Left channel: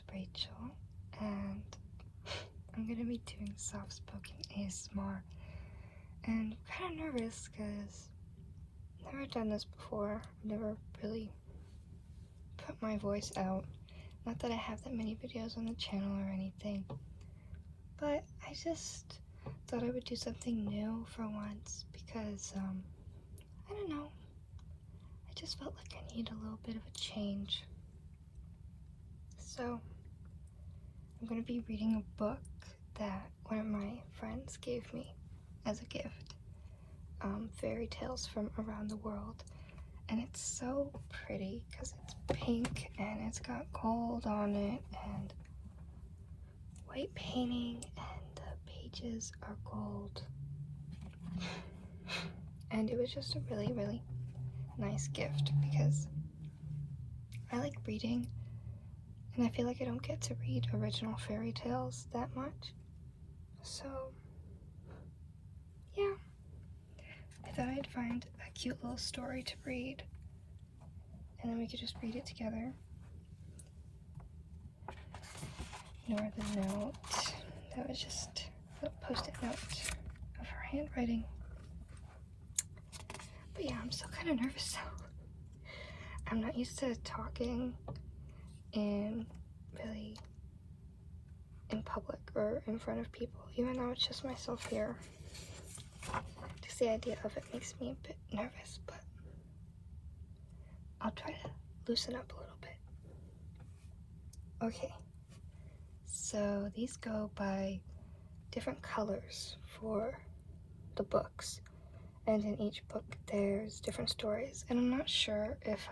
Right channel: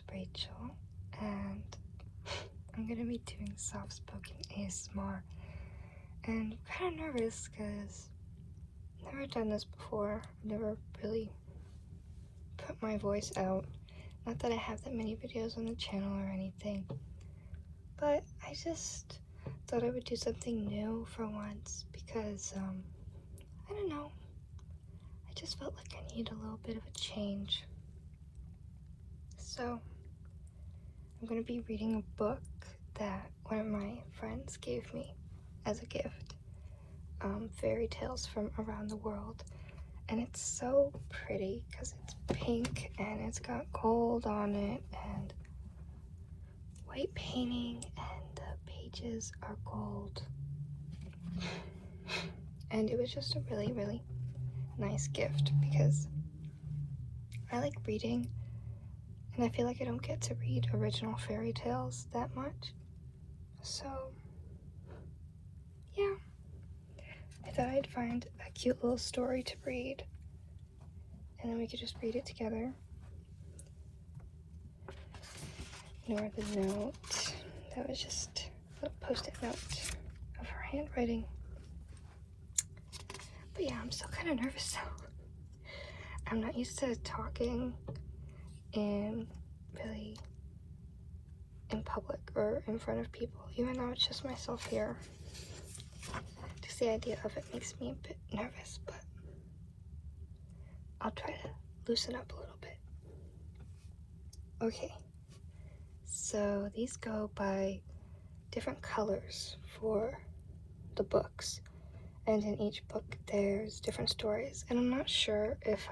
is Rachel, and I'm gonna be doing soft-spoken ASMR. And I'm kind of nervous because I've never done this before. I've never really put my voice out. Not that I have that many videos on the channel or anything, but I just thought I would do something new for once because, I don't know, I just felt like I need a little bit of a change. So, I'm going to be reading a book that one of my friends gave me as a gift. Fairy tales from around the world. And it's so pretty because it's pink and it's got gold on it and white painting and the pages are gold. And it was just a really, really nice gift because I like reading and I feel like I don't get to read original fairy tales that much. So, yeah. I thought I'd find a cute little story to read, and then we could just read it together. Nor the note. That was just a post-it note of her handwriting. But yeah, I'm still kind of nervous now. I'm not used to talking in public or in front of people, even though it's just myself here. Just the idea of it makes me a bit nervous, but I'll try to loosen up a little bit. Okay, so these go by different colors for the books, and in each book there's different stories, and I'm not sure if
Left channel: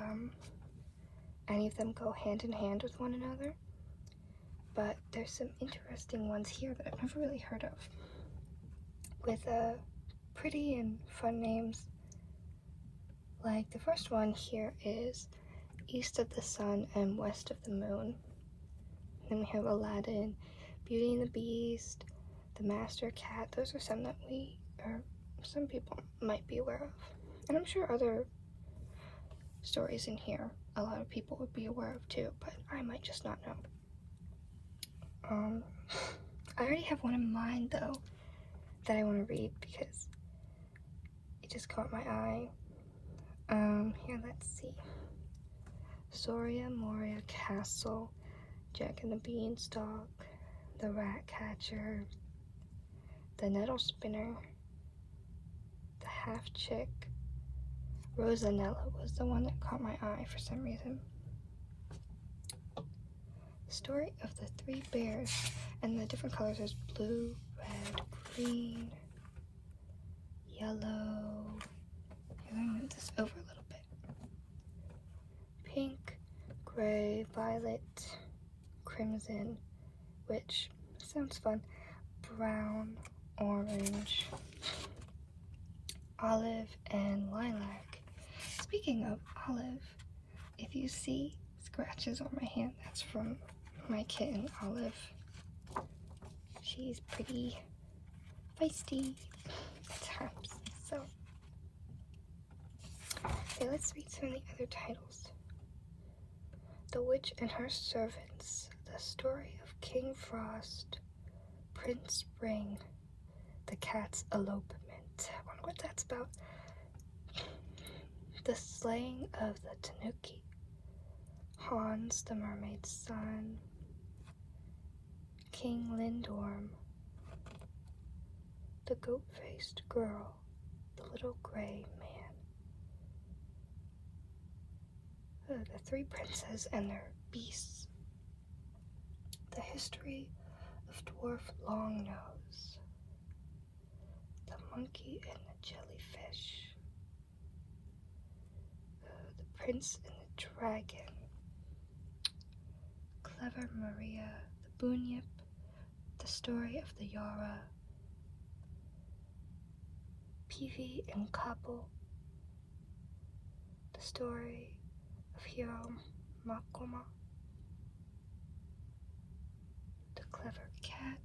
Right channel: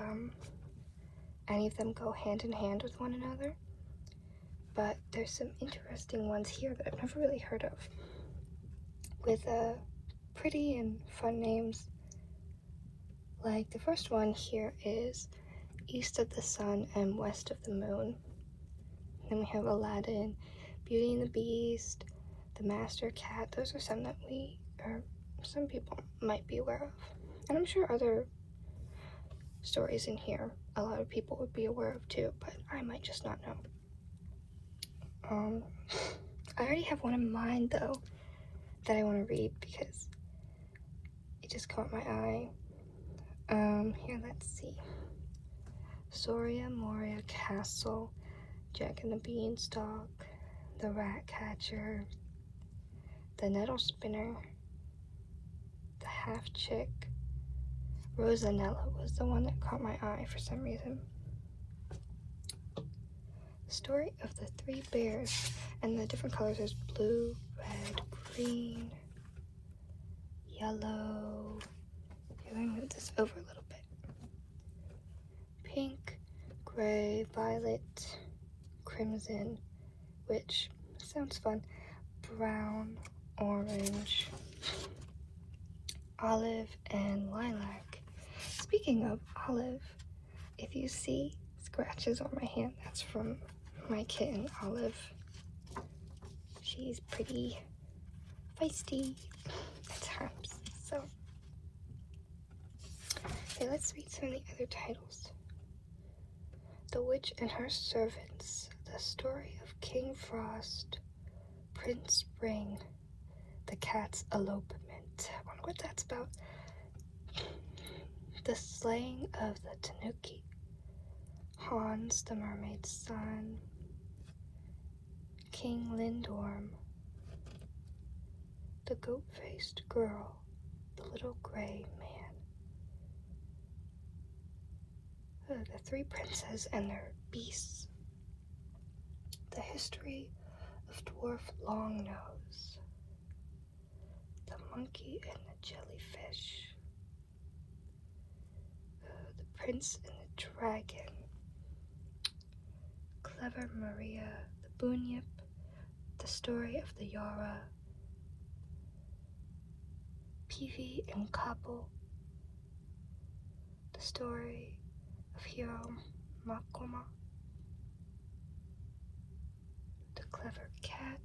any of them go hand in hand with one another, but there's some interesting ones here that I've never really heard of, with pretty and fun names. Like the first one here is East of the Sun and West of the Moon. Then we have Aladdin, Beauty and the Beast, The Master Cat. Those are some that some people might be aware of. And I'm sure other stories in here a lot of people would be aware of too, but I might just not know. I already have one in mind though that I want to read because it just caught my eye. Here, let's see. Soria Moria Castle, Jack and the Beanstalk, The Rat Catcher, The Nettle Spinner, The Half Chick. Rosanella was the one that caught my eye for some reason. The Story of the Three Bears, and the different colors is blue, red, green, yellow. I'm gonna move this over a little bit. Pink, gray, violet, crimson, which sounds fun, brown, orange, olive, and lilac. Speaking of olive, if you see scratches on my hand, that's from my kitten, Olive. She's pretty feisty at times. So, okay, let's read some of the other titles. The Witch and Her Servants, The Story of King Frost, Prince Spring, The Cat's Elopement. I wonder what that's about. The Slaying of the Tanuki, Hans the Mermaid's Son, King Lindorm, The Goat-Faced Girl, The Little Gray Man, The Three Princes and Their Beasts, The History of Dwarf Longnose, The Monkey and the Jellyfish, The Prince and the Dragon, Clever Maria, The Bunyip, The Story of the Yara, Peavy and Copple, The Story of Hero Makoma, The Clever Cat,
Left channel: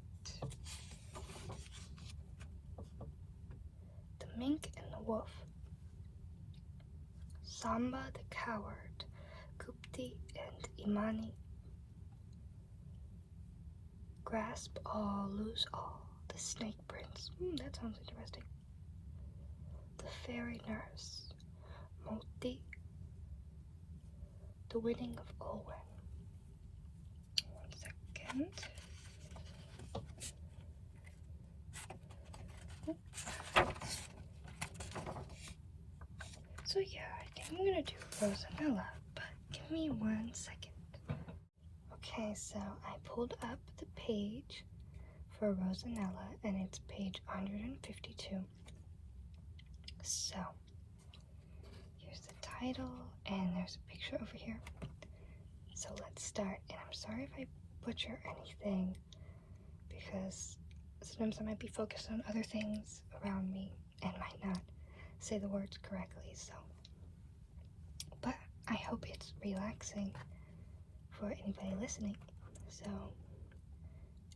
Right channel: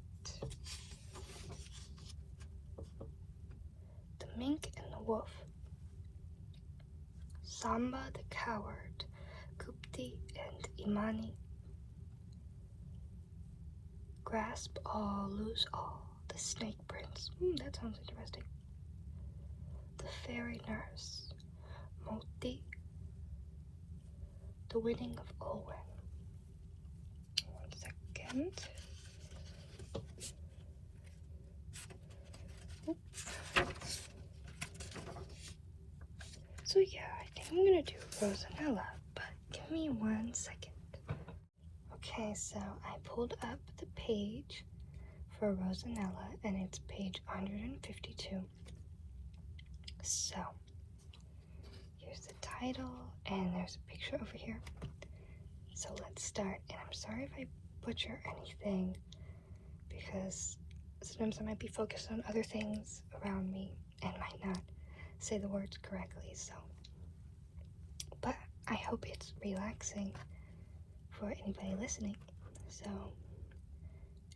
The Mink and the Wolf, Samba the Coward, Gupti and Imani, grasp all, lose all. The snake prince. That sounds interesting. The fairy nurse. Moti. The winning of Olwen. 1 second. So yeah, I think I'm gonna do Rosanella, but give me 1 second. Okay, so I pulled up the page for Rosanella, and it's page 152. So, here's the title, and there's a picture over here. So let's start, and I'm sorry if I butcher anything, because sometimes I might be focused on other things around me, and might not say the words correctly, so. But I hope it's relaxing for anybody listening. So,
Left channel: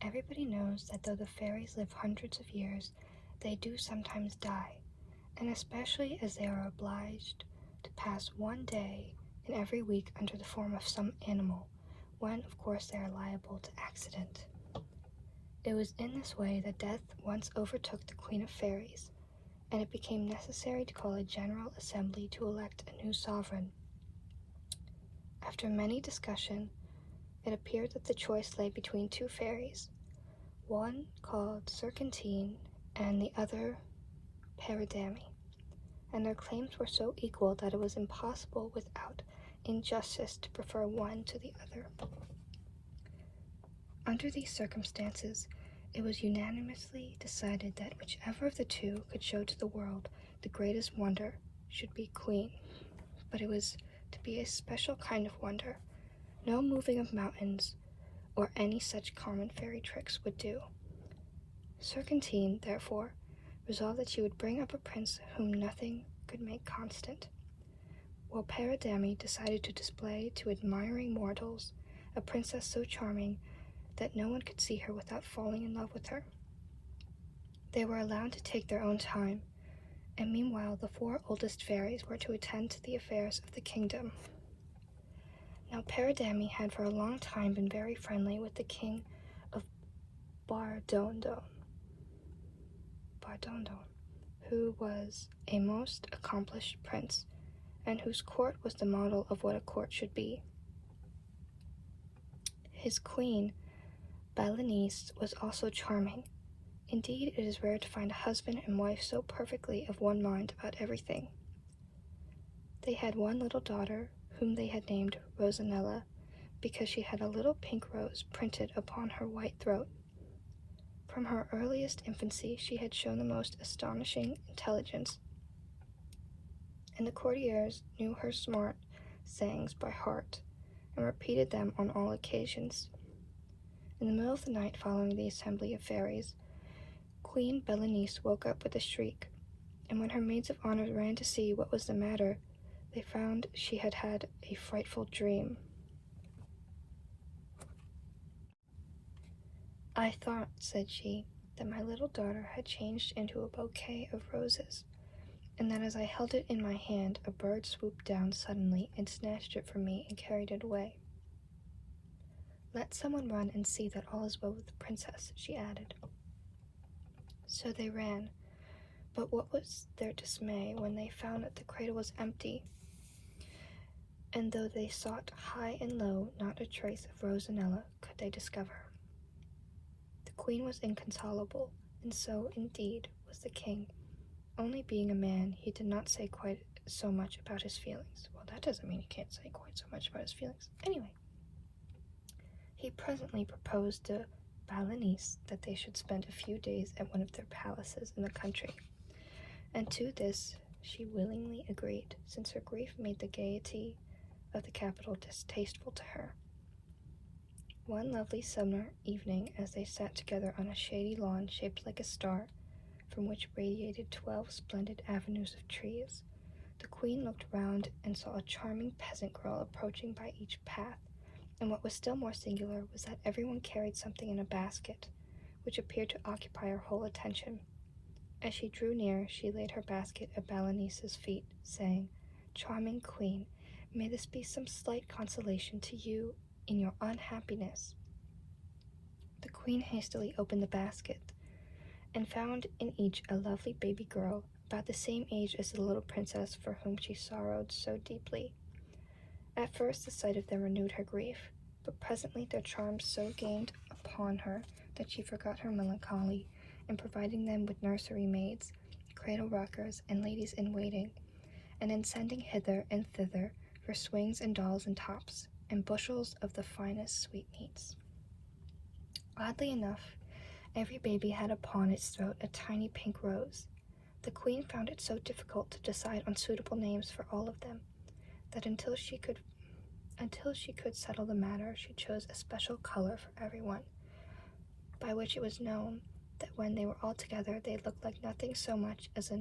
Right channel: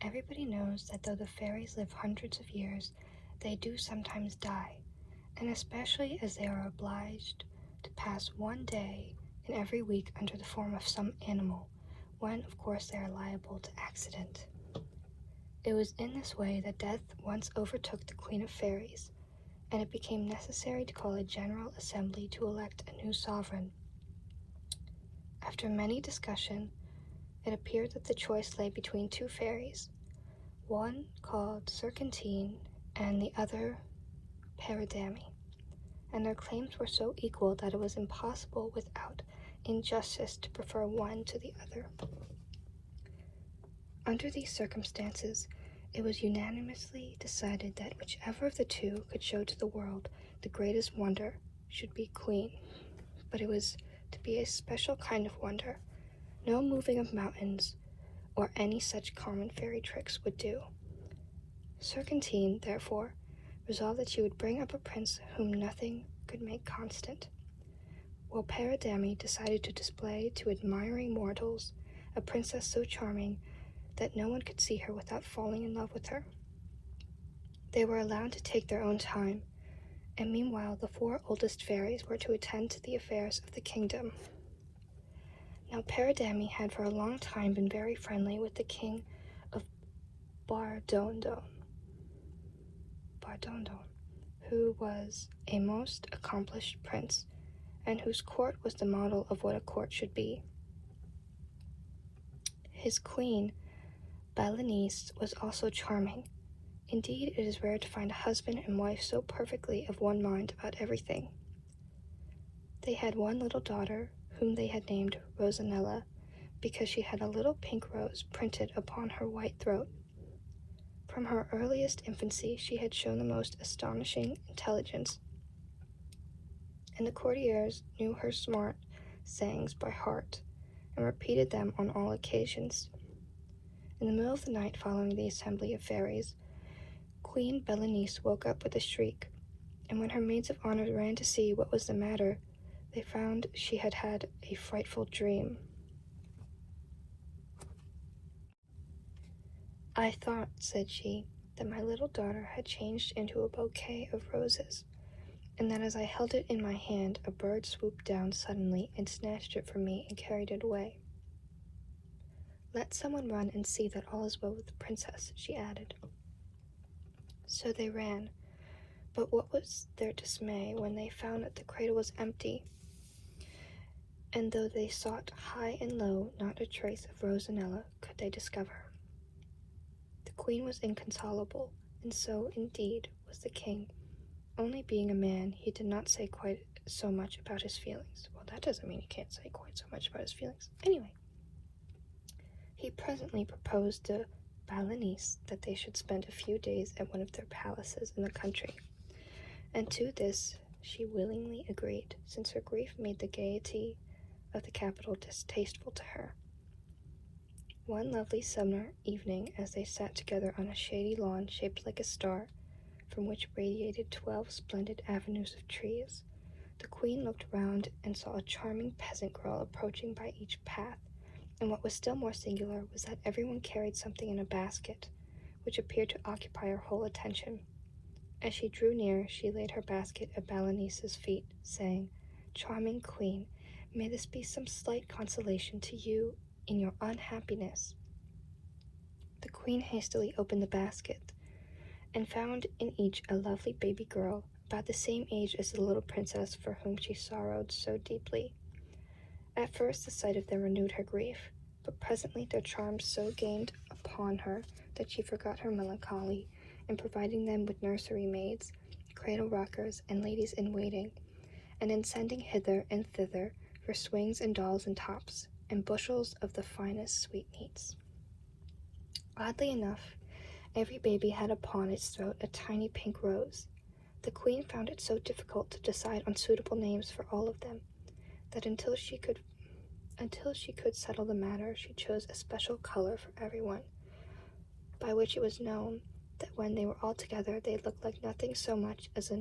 everybody knows that though the fairies live hundreds of years, they do sometimes die, and especially as they are obliged to pass one day in every week under the form of some animal, when of course they are liable to accident. It was in this way that death once overtook the Queen of Fairies, and it became necessary to call a general assembly to elect a new sovereign. After many discussion, it appeared that the choice lay between two fairies, one called Serpentine and the other Paradami, and their claims were so equal that it was impossible without injustice to prefer one to the other. Under these circumstances, it was unanimously decided that whichever of the two could show to the world the greatest wonder should be queen, but it was to be a special kind of wonder. No moving of mountains or any such common fairy tricks would do. Serpentine, therefore, resolved that she would bring up a prince whom nothing could make constant, while Paradami decided to display to admiring mortals a princess so charming that no one could see her without falling in love with her. They were allowed to take their own time, and meanwhile the 4 oldest fairies were to attend to the affairs of the kingdom. Now Paradami had for a long time been very friendly with the king of Bardondon, who was a most accomplished prince, and whose court was the model of what a court should be. His queen, Balanice, was also charming. Indeed, it is rare to find a husband and wife so perfectly of one mind about everything. They had one little daughter, whom they had named Rosanella, because she had a little pink rose printed upon her white throat. From her earliest infancy she had shown the most astonishing intelligence, and the courtiers knew her smart sayings by heart, and repeated them on all occasions. In the middle of the night following the assembly of fairies, Queen Balanice woke up with a shriek, and when her maids of honor ran to see what was the matter, they found she had had a frightful dream. "I thought," said she, "that my little daughter had changed into a bouquet of roses, and that as I held it in my hand, a bird swooped down suddenly and snatched it from me and carried it away. Let someone run and see that all is well with the princess," she added. So they ran, but what was their dismay when they found that the cradle was empty, and though they sought high and low, not a trace of Rosanella could they discover. The queen was inconsolable, and so, indeed, was the king. Only being a man, he did not say quite so much about his feelings. Well, that doesn't mean he can't say quite so much about his feelings. Anyway, he presently proposed to Balanice that they should spend a few days at one of their palaces in the country, and to this she willingly agreed, since her grief made the gaiety of the capital distasteful to her. One lovely summer evening, as they sat together on a shady lawn shaped like a star, from which radiated 12 splendid avenues of trees, the queen looked round and saw a charming peasant girl approaching by each path, and what was still more singular was that everyone carried something in a basket, which appeared to occupy her whole attention. As she drew near, she laid her basket at Balanice's feet, saying, "Charming queen, may this be some slight consolation to you in your unhappiness." The queen hastily opened the basket and found in each a lovely baby girl, about the same age as the little princess for whom she sorrowed so deeply. At first the sight of them renewed her grief, but presently their charms so gained upon her that she forgot her melancholy in providing them with nursery maids, cradle rockers, and ladies-in-waiting, and in sending hither and thither for swings and dolls and tops, and bushels of the finest sweetmeats. Oddly enough, every baby had upon its throat a tiny pink rose. The queen found it so difficult to decide on suitable names for all of them, that until she could settle the matter, she chose a special color for everyone, by which it was known that when they were all together they looked like nothing so much as a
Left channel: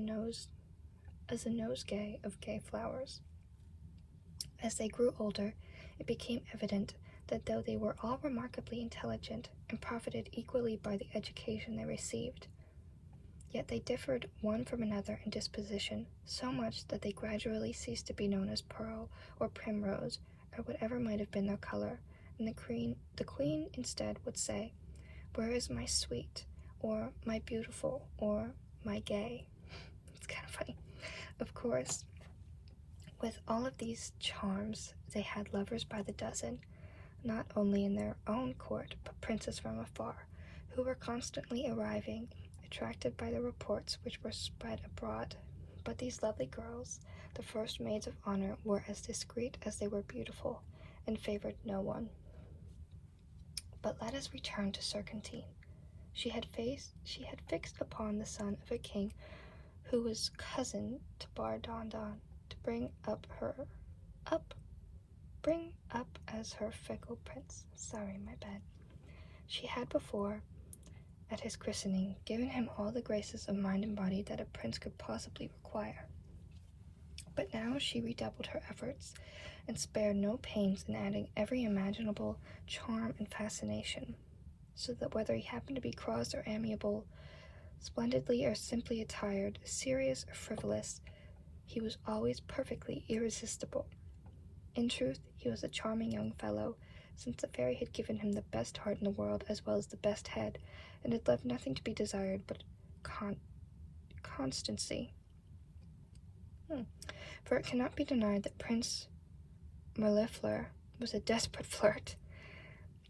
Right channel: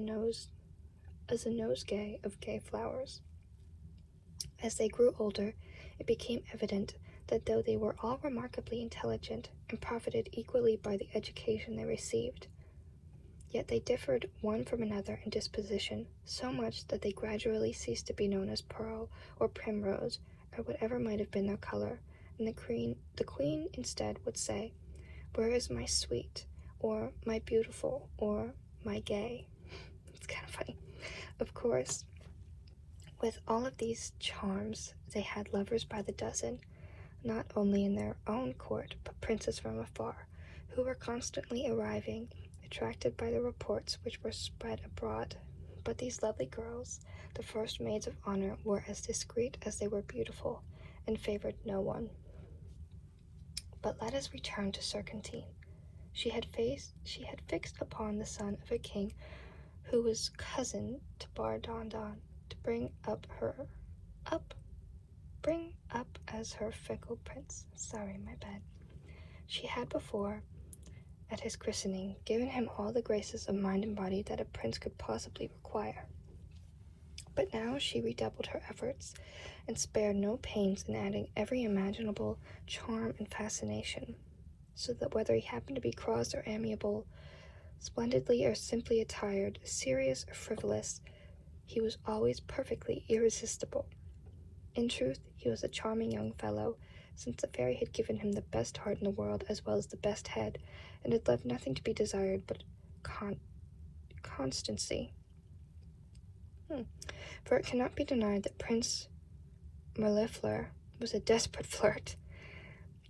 nosegay of gay flowers. As they grew older, it became evident that though they were all remarkably intelligent and profited equally by the education they received, yet they differed one from another in disposition so much that they gradually ceased to be known as Pearl or Primrose or whatever might have been their color, and the queen instead would say, "Where is my sweet?" or "my beautiful," or "my gay." It's kind of funny. Of course, with all of these charms, they had lovers by the dozen, not only in their own court, but princes from afar, who were constantly arriving, attracted by the reports which were spread abroad. But these lovely girls, the first maids of honor, were as discreet as they were beautiful, and favored no one. But let us return to Serpentine. She had fixed upon the son of a king who was cousin to Bardondon, to bring up as her fickle prince. Sorry, my bad. She had before, at his christening, given him all the graces of mind and body that a prince could possibly require. But now she redoubled her efforts, and spared no pains in adding every imaginable charm and fascination, so that whether he happened to be cross or amiable, splendidly or simply attired, serious or frivolous, he was always perfectly irresistible. In truth, he was a charming young fellow, since the fairy had given him the best heart in the world as well as the best head, and had left nothing to be desired but constancy. For it cannot be denied that Prince Mirliflor was a desperate flirt,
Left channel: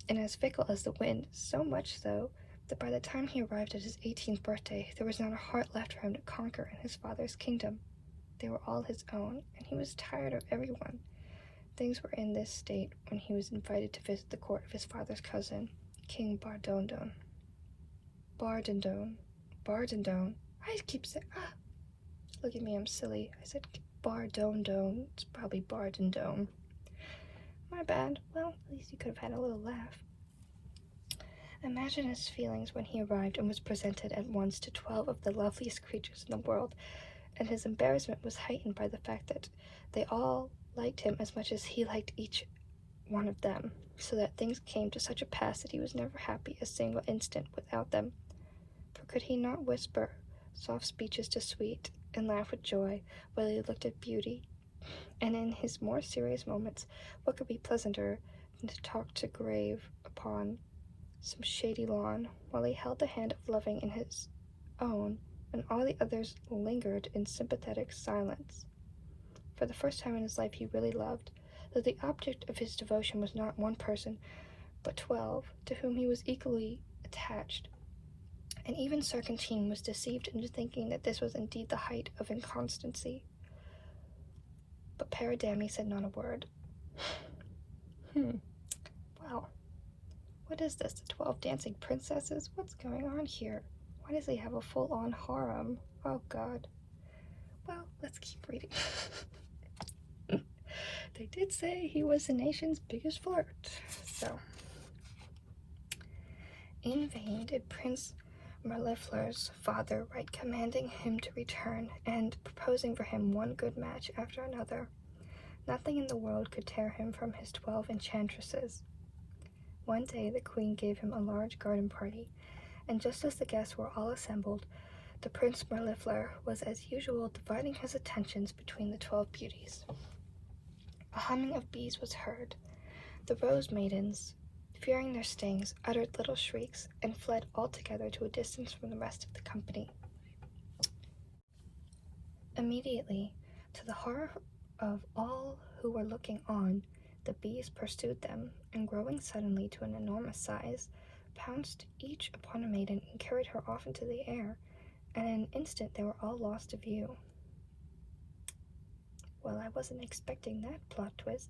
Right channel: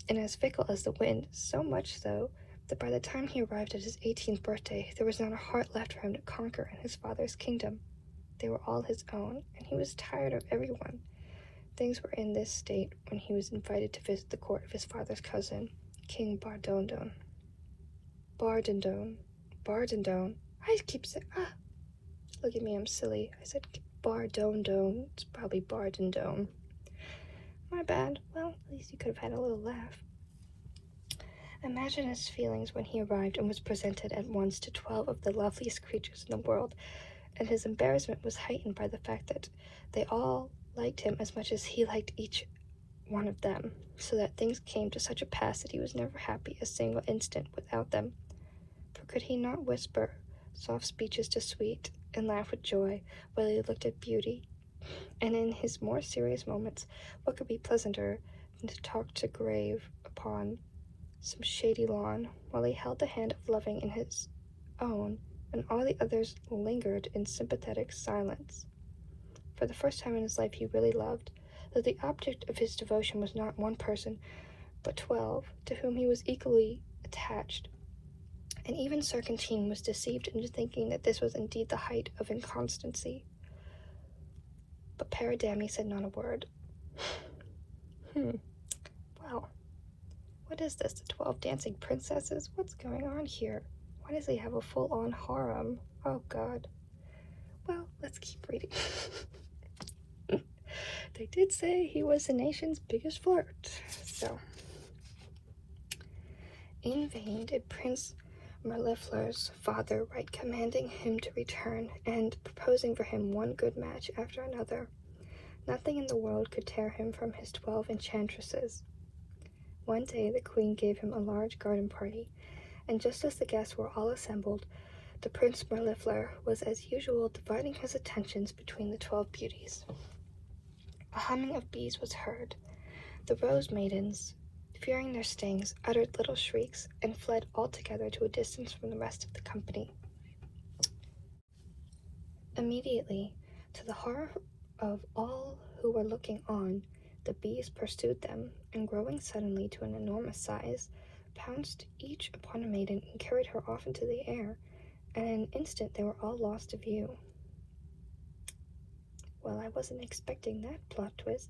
and as fickle as the wind, so much so that by the time he arrived at his 18th birthday, there was not a heart left for him to conquer in his father's kingdom. They were all his own, and he was tired of everyone. Things were in this state when he was invited to visit the court of his father's cousin, King Bardondon. I keep saying, look at me, I'm silly. I said Bardondon. It's probably Bardondon. My bad. Well, at least you could have had a little laugh. Imagine his feelings when he arrived and was presented at once to 12 of the loveliest creatures in the world, and his embarrassment was heightened by the fact that they all liked him as much as he liked each one of them, so that things came to such a pass that he was never happy a single instant without them. For could he not whisper soft speeches to Sweet, and laugh with joy while he looked at Beauty? And in his more serious moments, what could be pleasanter than to talk to Grave upon some shady lawn, while he held the hand of Loving in his own, and all the others lingered in sympathetic silence? For the first time in his life he really loved, though the object of his devotion was not one person, but 12, to whom he was equally attached. And even Serpentine was deceived into thinking that this was indeed the height of inconstancy. But Paridamie said not a word. Well, what is this, the 12 dancing princesses? What's going on here? Why does he have a full-on harem? Oh, God. Well, let's keep reading. They did say he was the nation's biggest flirt, so. In vain did Prince Mirliflor's father write commanding him to return, and proposing for him one good match after another. Nothing in the world could tear him from his 12 enchantresses. One day the queen gave him a large garden party, and just as the guests were all assembled, the Prince Mirliflor was as usual dividing his attentions between the 12 beauties. A humming of bees was heard. The rose maidens, fearing their stings, uttered little shrieks, and fled altogether to a distance from the rest of the company. Immediately, to the horror of all who were looking on, the bees pursued them, and growing suddenly to an enormous size, pounced each upon a maiden and carried her off into the air, and in an instant they were all lost to view. Well, I wasn't expecting that plot twist.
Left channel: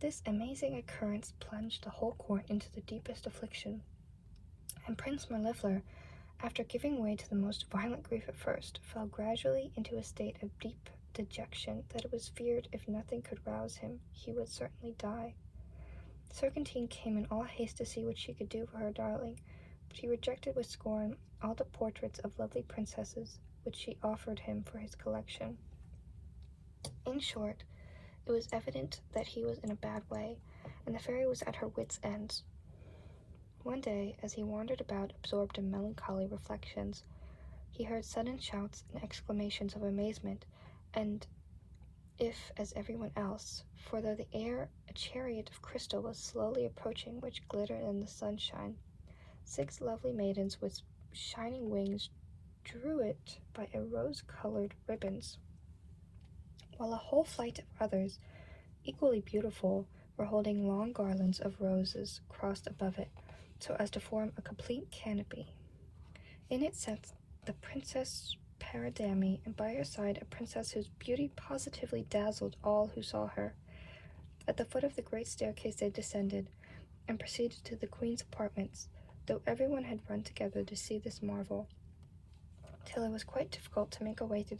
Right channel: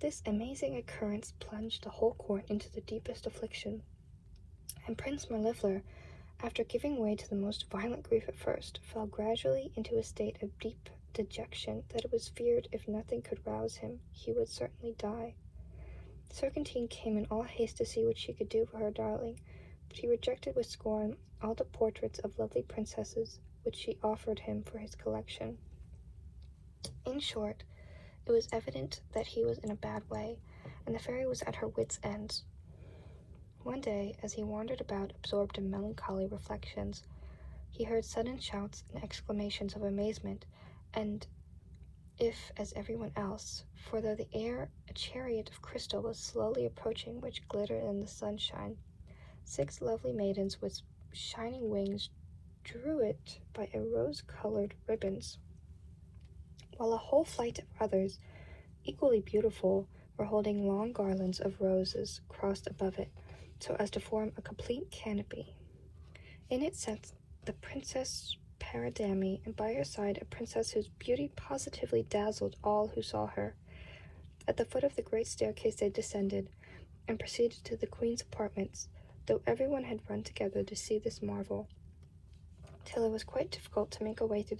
This amazing occurrence plunged the whole court into the deepest affliction, and Prince Mirlifichor, after giving way to the most violent grief at first, fell gradually into a state of deep dejection that it was feared if nothing could rouse him, he would certainly die. Serpentine came in all haste to see what she could do for her darling, but he rejected with scorn all the portraits of lovely princesses which she offered him for his collection. In short, it was evident that he was in a bad way, and the fairy was at her wits' ends. One day, as he wandered about absorbed in melancholy reflections, he heard sudden shouts and exclamations of amazement, and if, as everyone else, for though the air a chariot of crystal was slowly approaching which glittered in the sunshine, 6 lovely maidens with shining wings drew it by a rose-colored ribbons, while a whole flight of others, equally beautiful, were holding long garlands of roses crossed above it, so as to form a complete canopy. In it sat the Princess Paridamie, and by her side a princess whose beauty positively dazzled all who saw her. At the foot of the great staircase they descended, and proceeded to the queen's apartments, though everyone had run together to see this marvel, till it was quite difficult to make a way through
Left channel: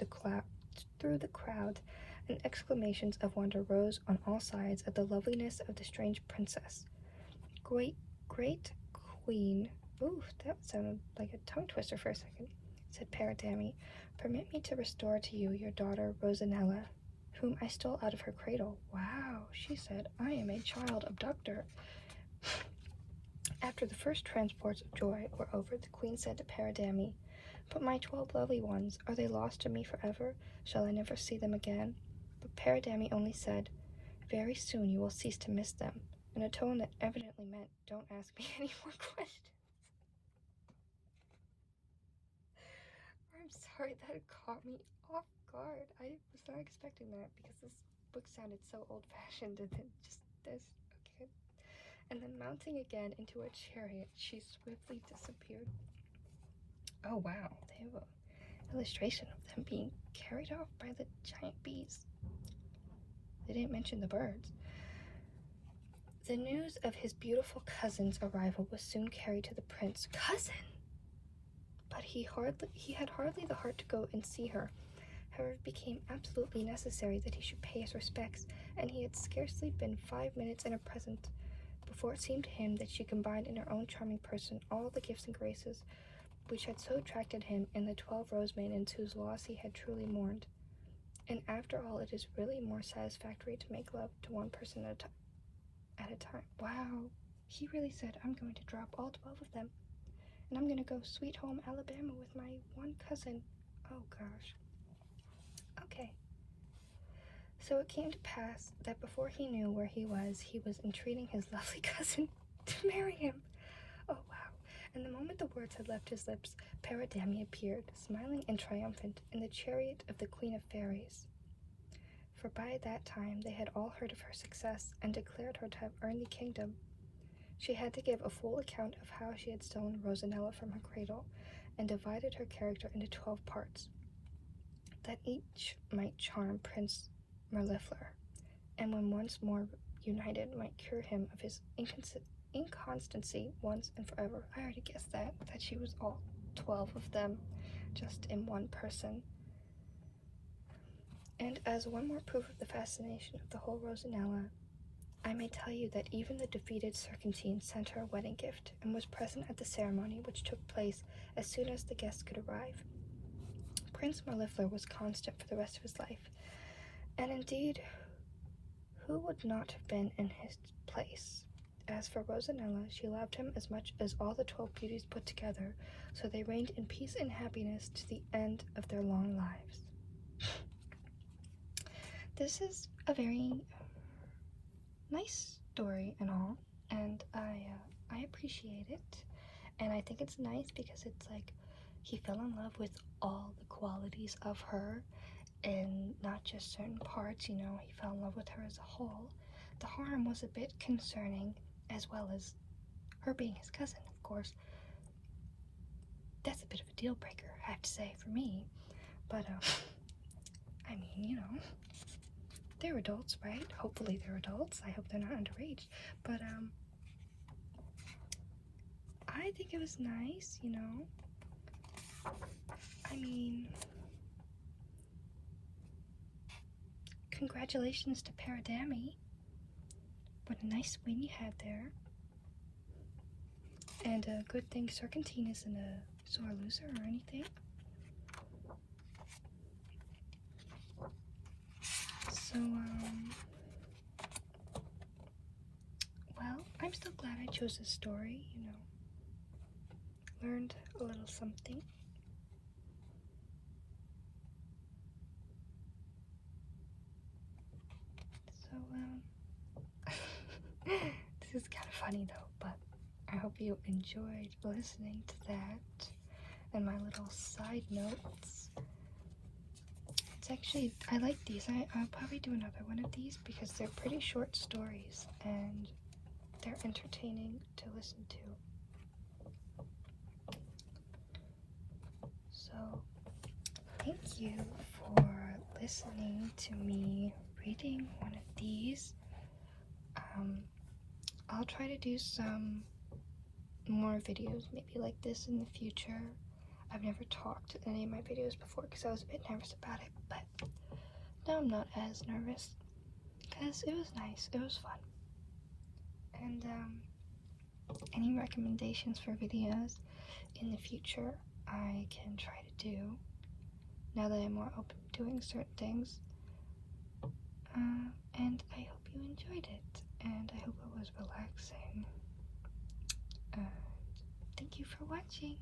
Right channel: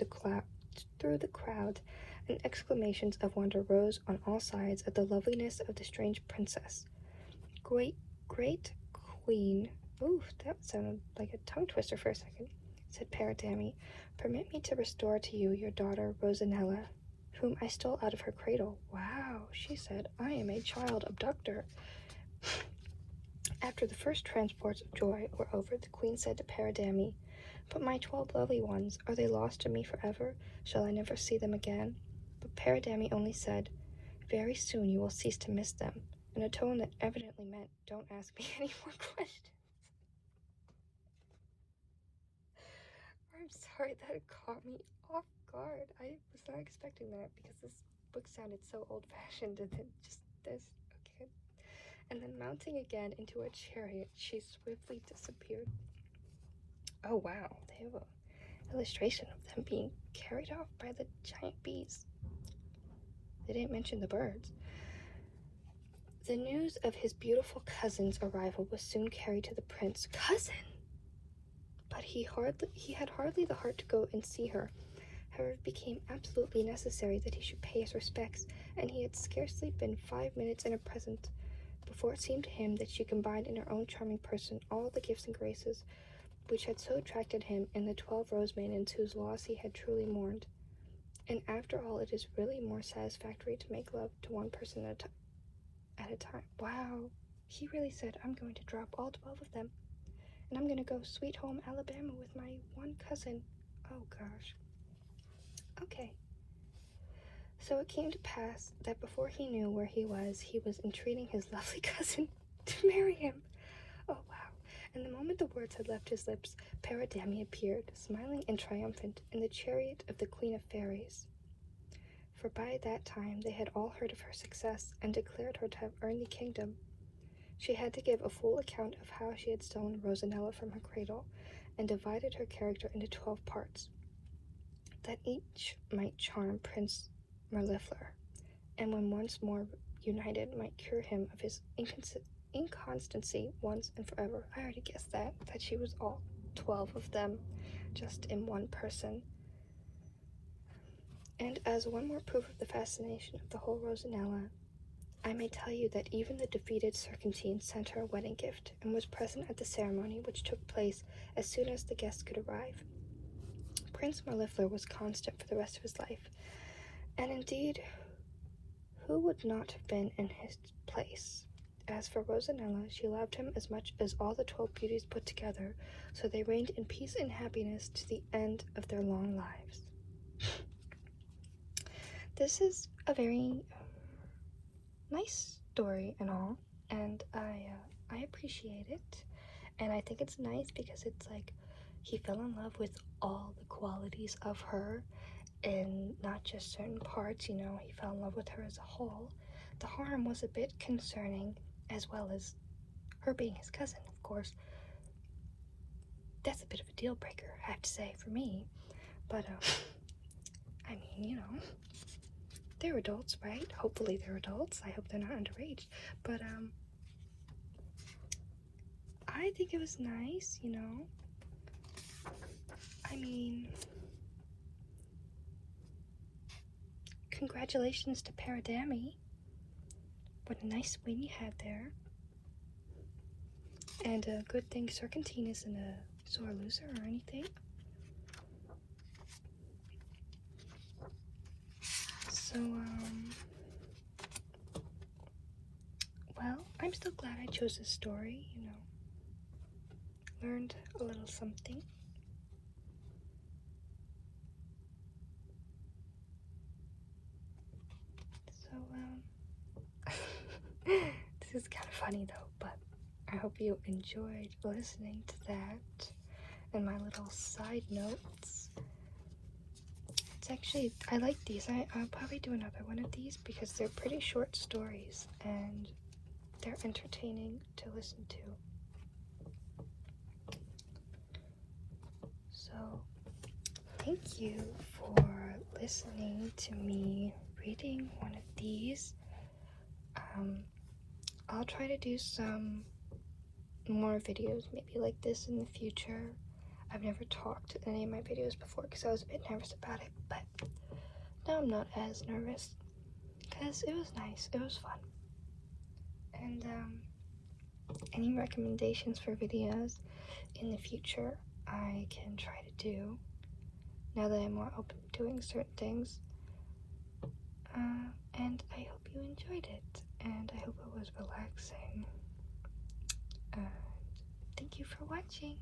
the crowd, and exclamations of wonder rose on all sides at the loveliness of the strange princess. Great queen, ooh, that sounded like a tongue twister for a second, said Paridamie. Permit me to restore to you your daughter Rosanella, whom I stole out of her cradle. Wow, she said, I am a child abductor. After the first transports of joy were over, the queen said to Paridamie, but my 12 lovely ones, are they lost to me forever? Shall I never see them again? But Paridamie only said, very soon you will cease to miss them, in a tone that evidently meant, don't ask me any more questions. I'm sorry, that caught me off guard. I was not expecting that because this book sounded so old-fashioned, and then just this. Okay. And then mounting again into a chariot, she swiftly disappeared. Oh wow, they have an illustration of them being carried off by the giant bees. They didn't mention the birds. The news of his beautiful cousin's arrival was soon carried to the prince. Cousin! But he had hardly the heart to go and see her. However, it became absolutely necessary that he should pay his respects, and he had scarcely been 5 minutes in her presence before it seemed to him that she combined in her own charming person all the gifts and graces which had so attracted him in the 12 rose maidens whose loss he had truly mourned. And after all, it is really more satisfactory to make love to one person at a time. Wow, he really said, I'm going to drop all 12 of them, and I'm going to go sweet home Alabama with my one cousin. Oh gosh. Okay. So it came to pass that before he knew where he was entreating his lovely cousin to marry him. Oh wow. And the moment the words had left his lips, Paridamie appeared, smiling and triumphant, in the chariot of the Queen of Fairies. For by that time they had all heard of her success, and declared her to have earned the kingdom. She had to give a full account of how she had stolen Rosanella from her cradle, and divided her character into 12 parts, that each might charm Prince Mirlifichor, and when once more united might cure him of his inconstancy once and forever. I already guessed that she was all 12 of them, just in one person. And as one more proof of the fascination of the whole Rosanella, I may tell you that even the defeated Serpentine sent her a wedding gift, and was present at the ceremony, which took place as soon as the guests could arrive. Prince Mirlifichor was constant for the rest of his life, and indeed, who would not have been in his place? As for Rosanella, she loved him as much as all the 12 beauties put together, so they reigned in peace and happiness to the end of their long lives. This is a very nice story and all, and I appreciate it, and I think it's nice because it's like he fell in love with all the qualities of her and not just certain parts, you know, he fell in love with her as a whole. The harm was a bit concerning, as well as her being his cousin, of course. That's a bit of a deal breaker, I have to say, for me. But, I mean, you know, they're adults, right? Hopefully they're adults. I hope they're not underage. But, I think it was nice, you know. I mean, congratulations to Paradami. What a nice win you had there. And a good thing Serpentine isn't a sore loser or anything. So, well, I'm still glad I chose this story, you know. Learned a little something. So, this is kind of funny though, but I hope you enjoyed listening to that and my little side notes. It's actually, I like these. I'll probably do another one of these because they're pretty short stories and they're entertaining to listen to. So, thank you for listening to me reading one of these. I'll try to do some more videos maybe like this in the future. I've never talked in any of my videos before because I was a bit nervous about it, but now I'm not as nervous because it was nice, it was fun. And any recommendations for videos in the future I can try to do now that I'm more open to doing certain things. And I hope you enjoyed it, and I hope it was relaxing. And thank you for watching.